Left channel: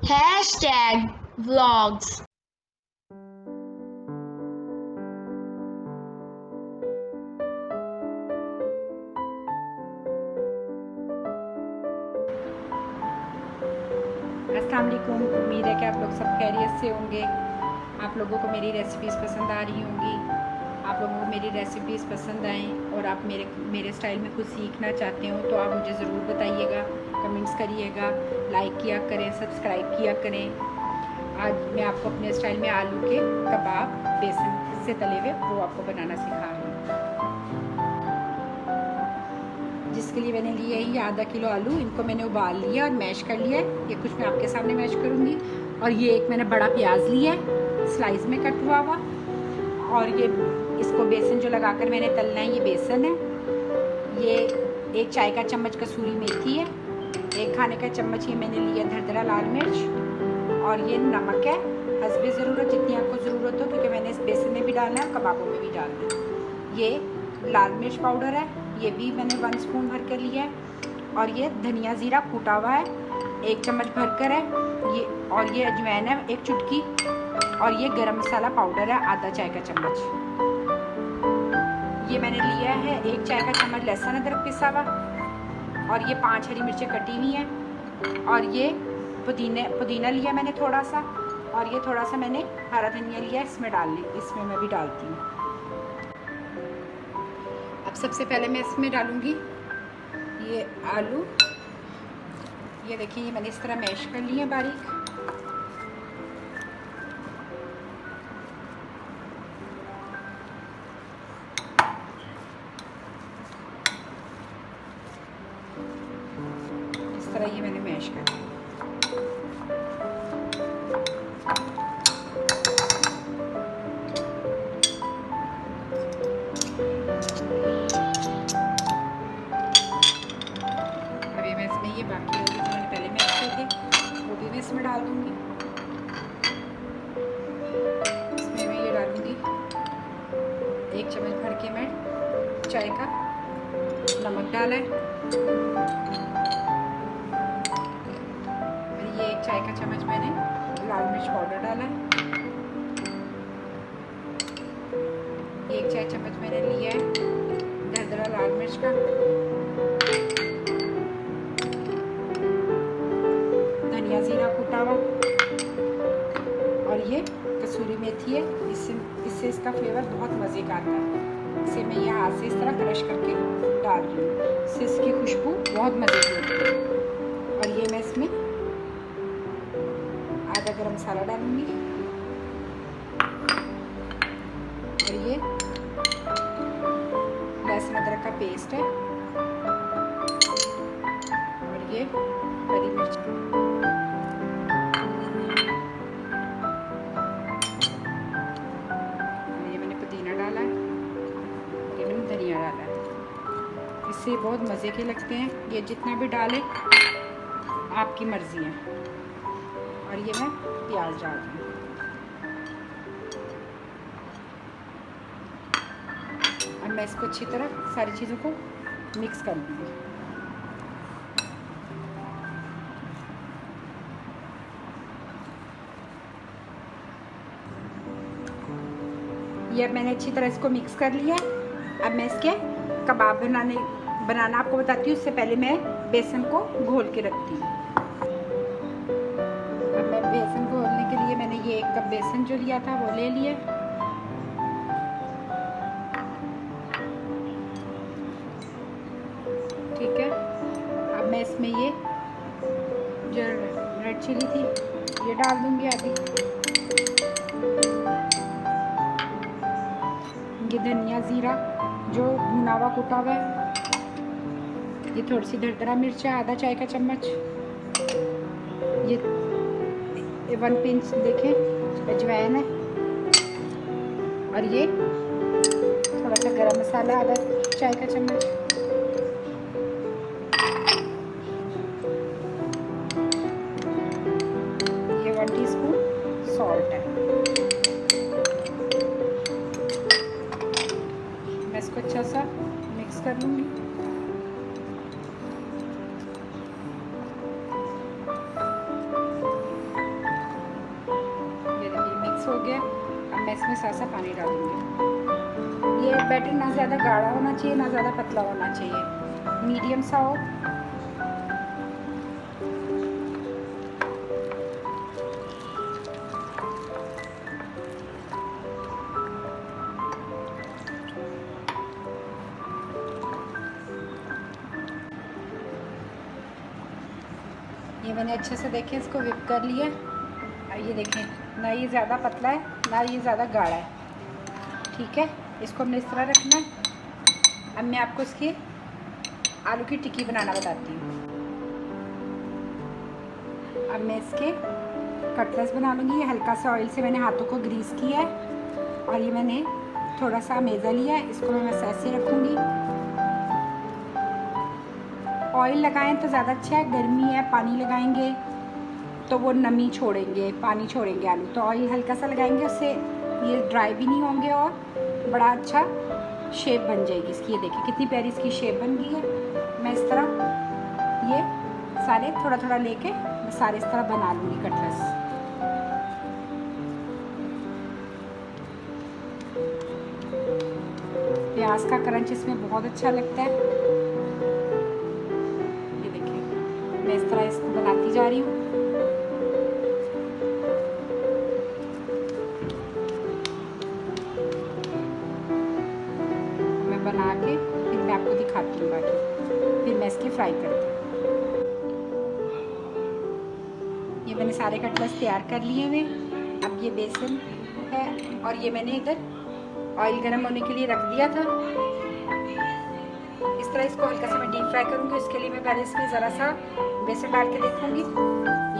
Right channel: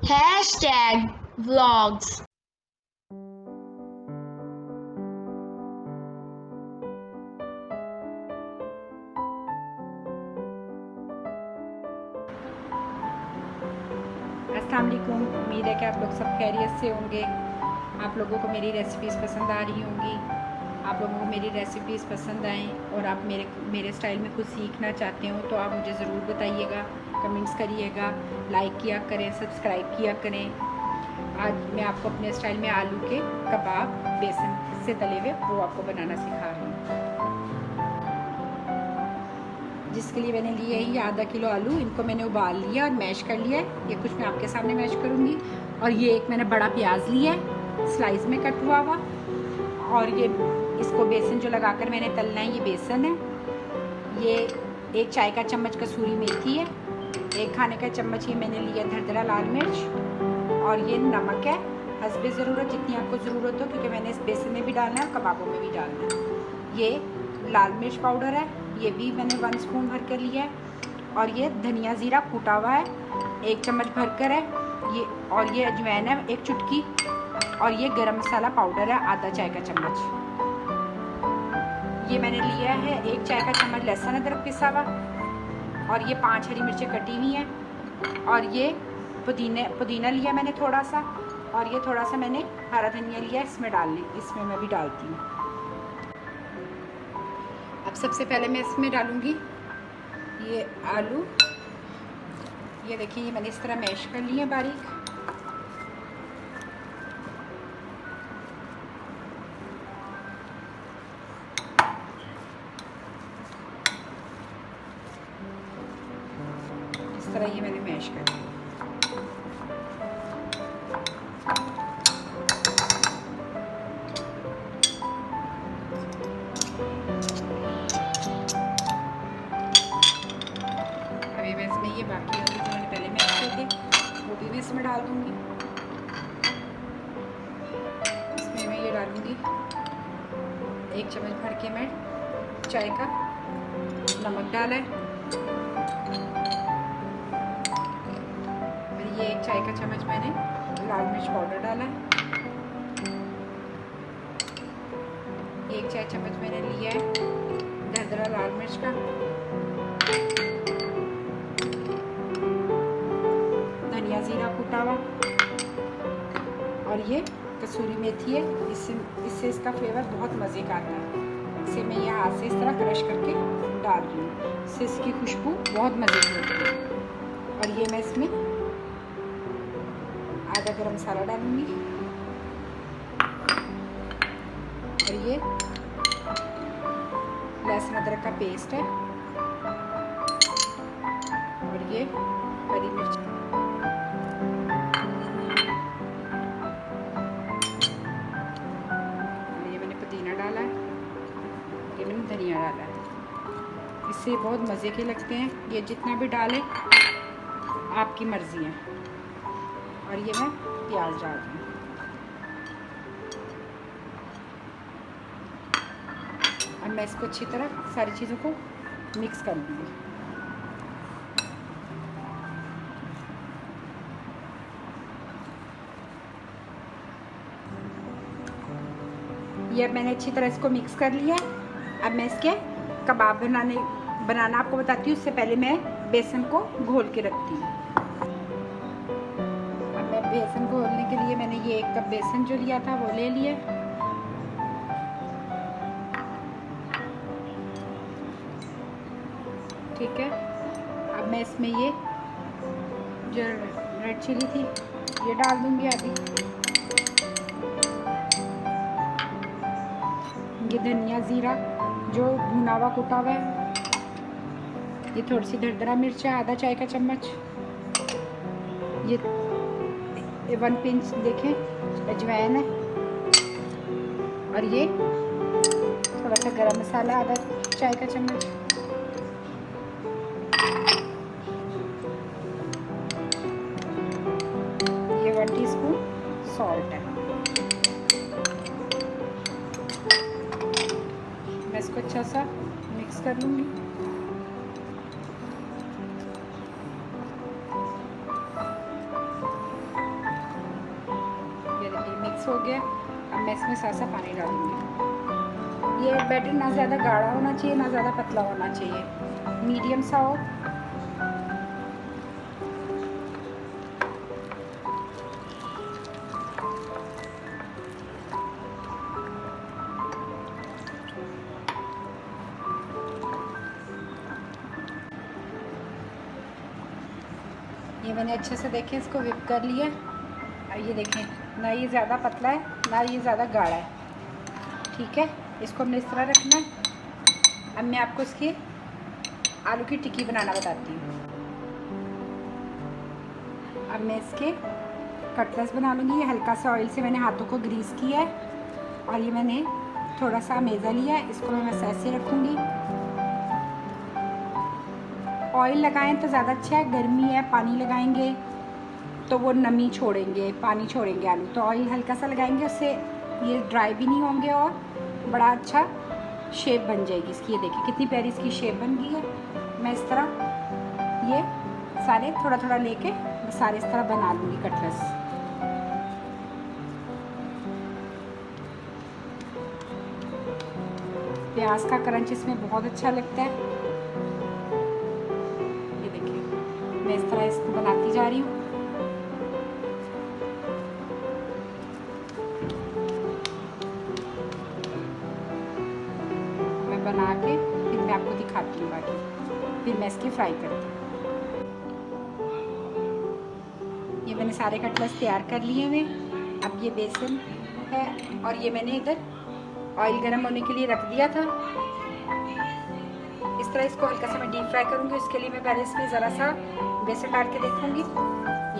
Hashtag vlogs. अस्सलाम वालेकुम। उम्मीद है कि आप लोग सब खैरियत से होंगे। आप लोगों को मेरी रेसिपीज़ पसंद आ रही होंगी। आप लोगों को मेरी रेसिपीज़ पसंद आएँ और आप मेरे स्टाइल में कुछ सीखना चाहते हो तो आप मुझे ज़रूर बताइएगा, कमेंट्स करिएगा, लाइक किया करें, सब्सक्राइब किया करें। आज मैं आपको अपने स्टाइल में आलू के कबाब बेसन से तले हुए वो आपको बनाना सिखा रही हूँ। जिसके लिए मैंने लिए ये आधा किलो आलू, इनको मैंने उबाल लिया और मैश कर लिया है। ये कुछ मैं आपके सामने मैश करूँगी। और ये एक मैंने बड़ा प्याज लिया है स्लाइस में कट हुआ हुआ। और ये इसको बेसन जो लगाकर मैंने तलना है ये बेसन है। ये एक चाय का चम्मच कसूरी मेथी है। एक खाने का चम्मच ये मैंने लिया धरदरा लाल मिर्च। और ये नमक है हस्बे ज़रूरत, जितनी आपको ज़रूरत हो, क्योंकि मैंने इस बेसन में भी डालना है, कबाबों में भी डालना है। ये लाल मिर्च पाउडर है, ये भी मैंने 1 स्पून भर कर लिया है। और ये धनिया ज़ीरा कूटा हुआ है 1 चम्मच भर कर है ये। और ये अजवाइन है 1 चुटकी। और ये गरम मसाला पाउडर है आधा चाय का चम्मच। ये मैंने लिया है 1 चाय का चम्मच लहसुन अदरक पिसा हुआ। और ये 5 हरी मिर्चें कटी हुई हैं। और ये पुदीना लिया मैंने थोड़ा सा। और ये थोड़ा सा मैंने हरा धनिया लिया इसमें मैं भी डालती हूँ। अब सबसे पहले मैं इसमें डालूँगी ये आलू। ये देखिए ये मैंने इस तरह मैश कर लिए हैं बारीक। इस तरह ये मैंने मैश कर लिया। अभी मैं इसमें ये बाकी आलू जो मैंने पहले मैश किए थे वो भी मैं इसमें डाल दूँगी। इसमें मैं ये डालूँगी 1 चम्मच भर के मैं चाय का नमक डाला है। और ये 1 चाय का चम्मच मैंने लाल मिर्च पाउडर डाला है। ये 1 चाय चम्मच मैंने लिया है दरदरा लाल मिर्च का। धनिया ज़ीरा कूटा हुआ। और ये कसूरी मेथी है, इससे इसका फ्लेवर बहुत मज़े का आता है। इसे मैं यहाँ हाथ से इस तरह क्रश करके डाल रही हूँ, इससे इसकी खुशबू बहुत मज़े की होती है। और ये मैं इसमें आधा गरम मसाला डालूँगी। और ये लहसुन अदरक का पेस्ट है। और ये हरी मिर्च। और ये मैंने पुदीना डाला है। और ये मैंने धनिया डाला है। इससे बहुत मज़े के लगते हैं। ये जितना भी डालें आपकी मर्ज़ी है। और ये मैं प्याज डाल रही हूँ। अब मैं इसको अच्छी तरह सारी चीज़ों को मिक्स कर लूँगी। ये अब मैंने अच्छी तरह इसको मिक्स कर लिया है। अब मैं इसके कबाब बनाना आपको बताती हूँ। उससे पहले मैं बेसन को घोल के रखती हूँ। अब मैं बेसन घोलने के लिए मैंने ये 1 कप बेसन जो लिया था वो ले लिया। ठीक है। अब मैं इसमें ये जो रेड चिली थी ये डाल दूँगी आधी। ये धनिया ज़ीरा जो भुना हुआ कुटा हुआ है। ये थोड़ी सी दरदरा मिर्च है आधा चाय का चम्मच। ये 1 पिंच देखें अजवाइन है। और ये थोड़ा सा गरम मसाला आधा चाय का चम्मच। ये 1 टीस्पून सॉल्ट है। मैं इसको अच्छा सा मिक्स कर लूँगी। मिक्स हो गया। अब मैं इसमें सा पानी डालूँगी। ये बैटर ना ज़्यादा गाढ़ा होना चाहिए ना ज़्यादा पतला होना चाहिए, मीडियम सा हो। ये मैंने अच्छे से देखें इसको whip कर लिया। और ये देखें, ना ये ज़्यादा पतला है ना ये ज़्यादा गाढ़ा है, ठीक है। इसको हमने इस तरह रखना है। अब मैं आपको इसकी आलू की टिक्की बनाना बताती हूँ। अब मैं इसके कटलेट्स बना लूँगी। ये हल्का सा ऑयल से मैंने हाथों को ग्रीस किया है और ये मैंने थोड़ा सा मेज़ा लिया है, इसको मैं ऐसे रखूँगी। ऑयल लगाएं तो ज़्यादा अच्छा है, गर्मी है, पानी लगाएंगे तो वो नमी छोड़ेंगे, पानी छोड़ेंगे आलू। तो ऑयल हल्का सा लगाएंगे, उससे ये ड्राई भी नहीं होंगे और बड़ा अच्छा शेप बन जाएगी इसकी। ये देखिए कितनी प्यारी इसकी शेप बन गई है। मैं इस तरह ये सारे थोड़ा थोड़ा लेके मैं सारे इस तरह बना लूँगी कटलेट्स। प्याज का क्रंच इसमें बहुत अच्छा लगता है। ये देखिए मैं इस तरह इसको बनाती जा रही हूँ। मैं बना के फिर मैं आपको दिखाती हूँ बाकी, फिर मैं इसकी फ्राई करती हूँ। ये मैंने सारे कटलेट्स तैयार कर लिए हुए। अब ये बेसन है और ये मैंने इधर ऑयल गर्म होने के लिए रख दिया था। इस तरह इसको हल्का सा मैं डीप फ्राई करूँगी। इसके लिए मैं पहले इसमें ज़रा सा बेसन डाल के देखूँगी।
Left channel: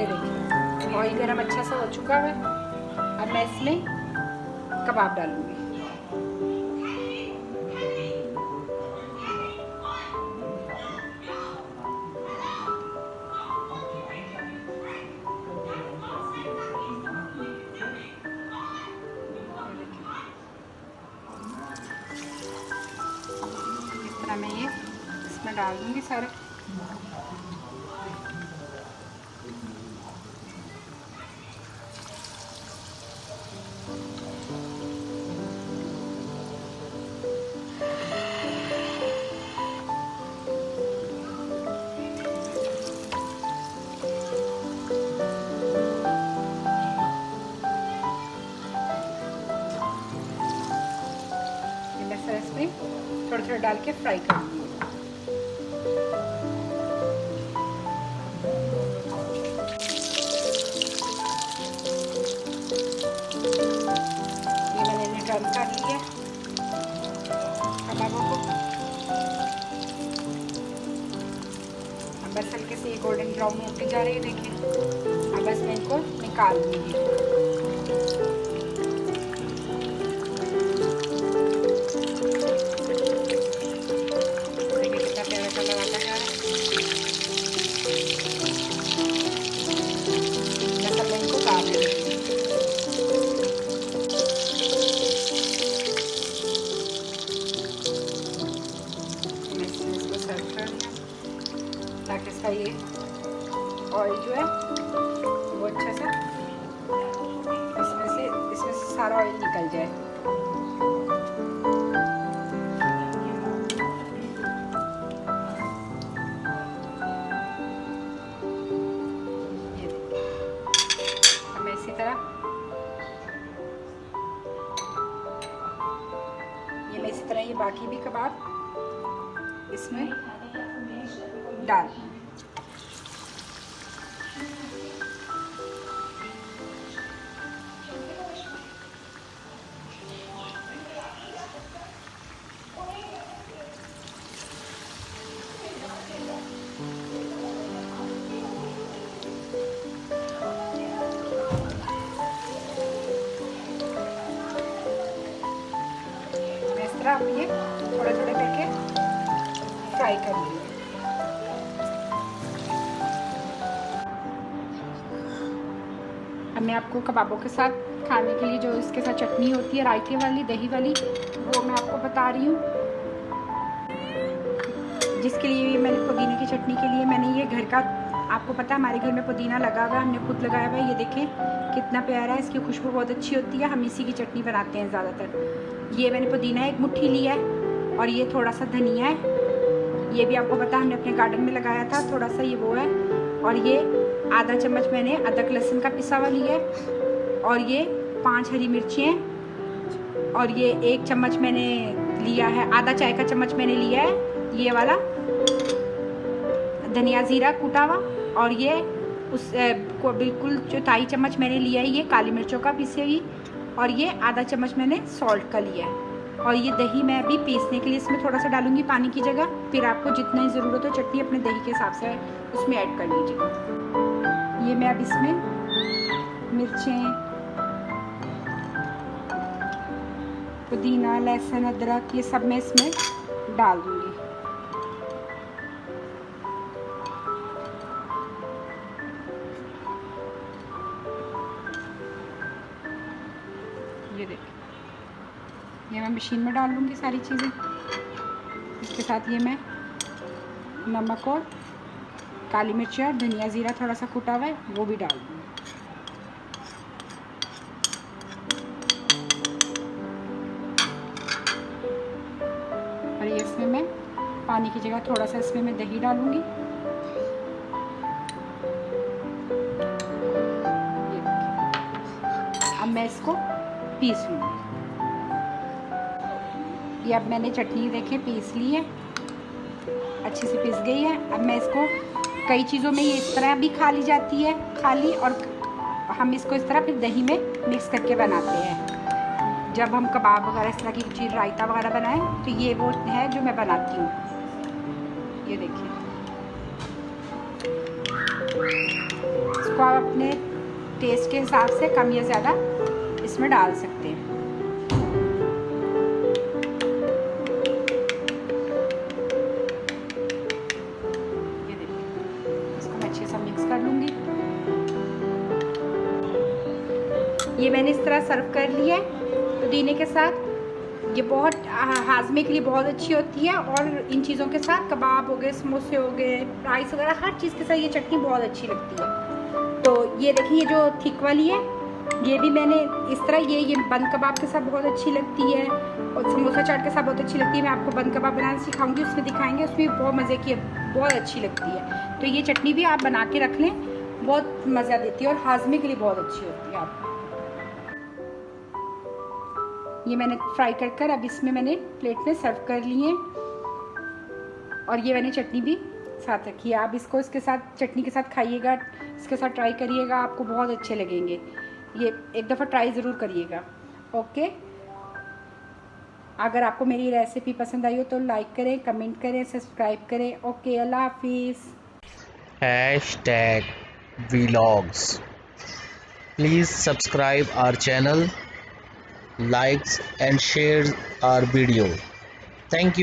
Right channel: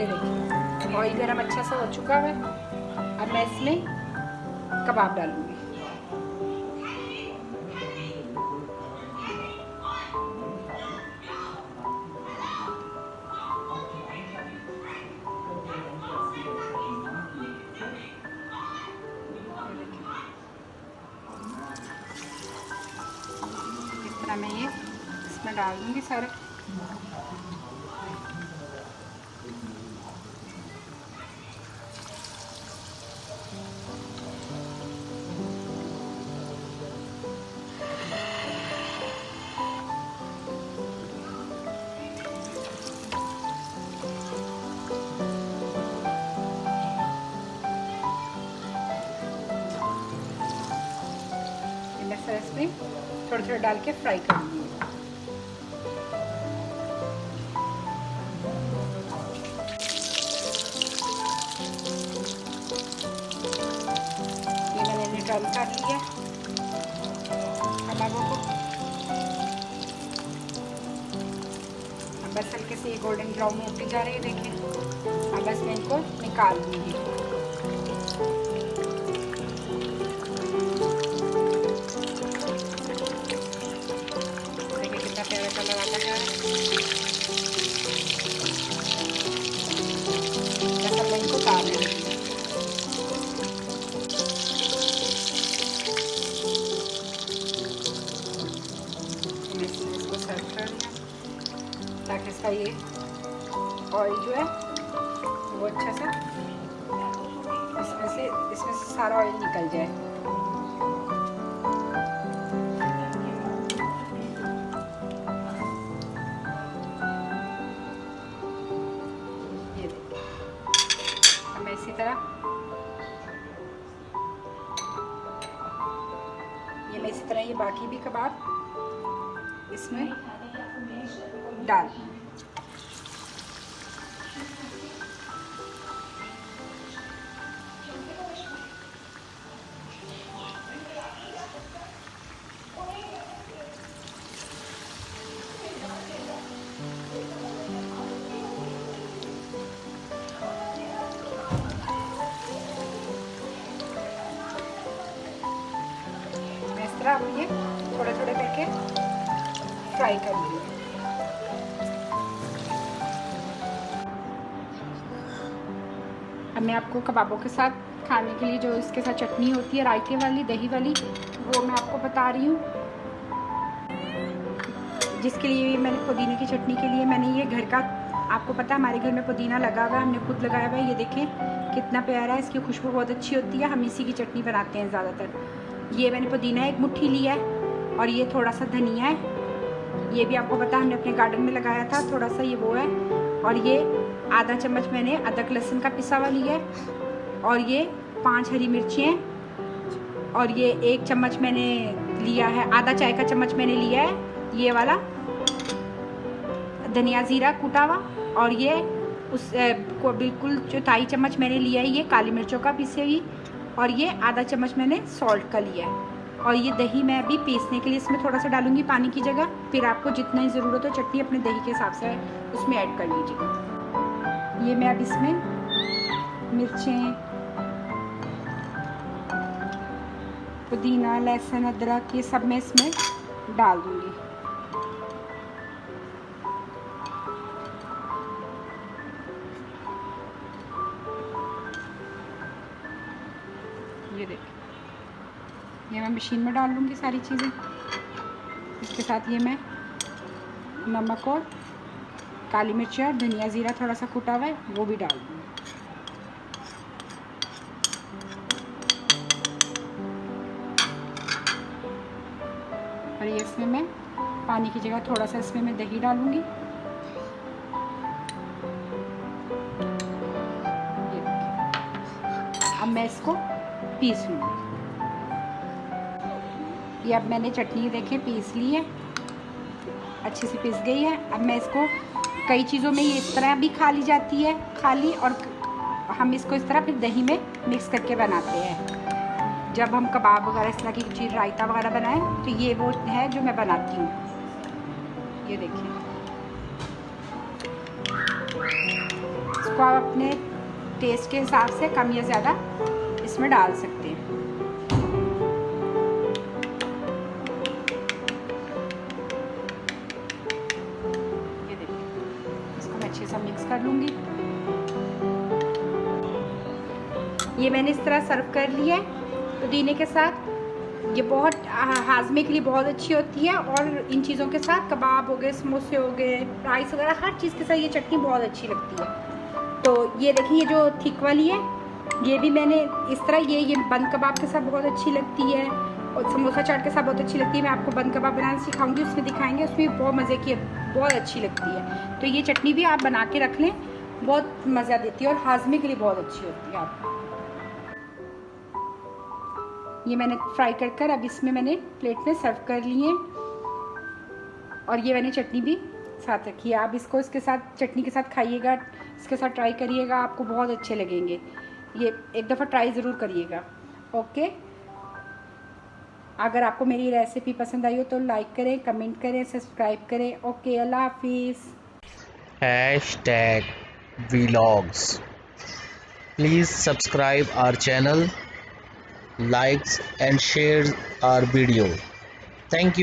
ये देखिए ऑयल गर्म अच्छा सा हो चुका है। अब मैं इसमें कबाब डालूँगी। मैं ये इसमें डाल दूँगी सारे। ये मैं सारे इसमें थोड़ा थोड़ा डाल के फ्राई करूँगी। टर्न कर लिया कबाबों को। अब बस हल्के से ये गोल्डन ब्राउन होती जा रही है, देखिए। अब बस मैं इनको निकाल दूँगी। देखिए कितना प्यारा कलर आता जा रहा है। बस अब मैं इनको काट लेती हूँ। सर्व कर लिया ताकि इसका ये ऑयल जो है वो अच्छा सा इसमें से सारा ऑयल निकल जाए। ये देखिए अब मैं इसी तरह ये बाकी भी कबाब इसमें डाल। इस तरह हम ये थोड़े थोड़े करके फ्राई कर लेंगे। अब मैं आपको कबाबों के साथ खाने के लिए जो इसके साथ चटनी होती है रायते वाली, दही वाली, वो मैं आपको बता रही हूँ। जिसके लिए मैंने पुदीने की चटनी के लिए मैंने ये घर का आपको पता है हमारे घर में पुदीना लगा हुआ है, हमने खुद लगाया हुआ है। ये देखें कितना प्यारा है, इसकी खुशबू बहुत अच्छी होती है। हम इसी की चटनी बनाते हैं ज़्यादातर। ये मैंने पुदीना एक मुट्ठी लिया है और ये थोड़ा सा धनिया है। ये भी आपको पता है हमने अपने गार्डन में लगाया था, थोड़ा सा ये वो है। और ये आधा चम्मच मैंने अदरक लहसुन का पिसा हुआ लिया है। और ये 5 हरी मिर्ची हैं। और ये 1 चम्मच मैंने लिया है, आधा चाय का चम्मच मैंने लिया है ये वाला धनिया ज़ीरा कूटा हुआ। और ये उस को बिल्कुल 4 चम्मच मैंने लिया है ये काली मिर्चों का पीसी हुई। और ये आधा चम्मच मैंने सॉल्ट का लिया है। और ये दही मैं अभी पीसने के लिए इसमें थोड़ा सा डालूंगी पानी की जगह। फिर आपको जितनी ज़रूरत हो चटनी अपने दही के हिसाब से उसमें ऐड कर लीजिए। ये मैं अब इसमें मिर्चें, पुदीना, लहसुन, अदरक ये सब मैं इसमें डाल दूंगी। ये देखिए, ये मैं मशीन में डाल लूँगी सारी चीज़ें। इसके साथ ये मैं नमक और काली मिर्च और धनिया ज़ीरा थोड़ा सा कूटा हुआ है वो भी डाल दूँगी। और ये इसमें मैं पानी की जगह थोड़ा सा इसमें मैं दही डालूँगी। ये देखिए, अब मैं इसको पीस लूँगी। ये अब मैंने चटनी देखें पीस ली है, अच्छे से पीस गई है। अब मैं इसको कई चीज़ों में ये इस तरह भी खा ली जाती है खाली, और हम इसको इस तरह फिर दही में मिक्स करके बनाते हैं। जब हम कबाब वगैरह इस तरह की चीज़ रायता वगैरह बनाएं तो ये वो है जो मैं बनाती हूँ। ये देखिए, इसको आप अपने टेस्ट के हिसाब से कम या ज़्यादा इसमें डाल सकते हैं। अच्छे से मिक्स कर लूँगी। ये मैंने इस तरह सर्व कर लिया है पुदीने के साथ। ये बहुत हाजमे के लिए बहुत अच्छी होती है। और इन चीज़ों के साथ कबाब हो गए, समोसे हो गए, राइस वगैरह हर चीज़ के साथ ये चटनी बहुत अच्छी लगती है। तो ये देखिए, ये जो थिक वाली है ये भी मैंने इस तरह ये बंद कबाब के साथ बहुत अच्छी लगती है और समोसा चाट के साथ बहुत अच्छी लगती है। मैं आपको बंद कबाब बनाना सिखाऊंगी, उसमें दिखाएंगे, उसमें बहुत मज़े की बहुत अच्छी लगती है। तो ये चटनी भी आप बना के रख लें, बहुत मज़ा देती है और हाजमे के लिए बहुत अच्छी होती है। आप ये मैंने फ्राई कर अब इसमें मैंने प्लेट में सर्व कर लिए। और ये मैंने चटनी भी साथ रखी है। आप इसको इसके साथ चटनी के साथ खाइएगा, इसके साथ ट्राई करिएगा, आपको बहुत अच्छे लगेंगे। ये एक दफ़ा ट्राई ज़रूर करिएगा। ओके, अगर आपको मेरी रेसिपी पसंद आई हो तो लाइक करें, कमेंट करें, सब्सक्राइब करें। ओके, अल्लाह हाफिज़। #vlogs. Please subscribe our channel, likes and share our video. Thank you.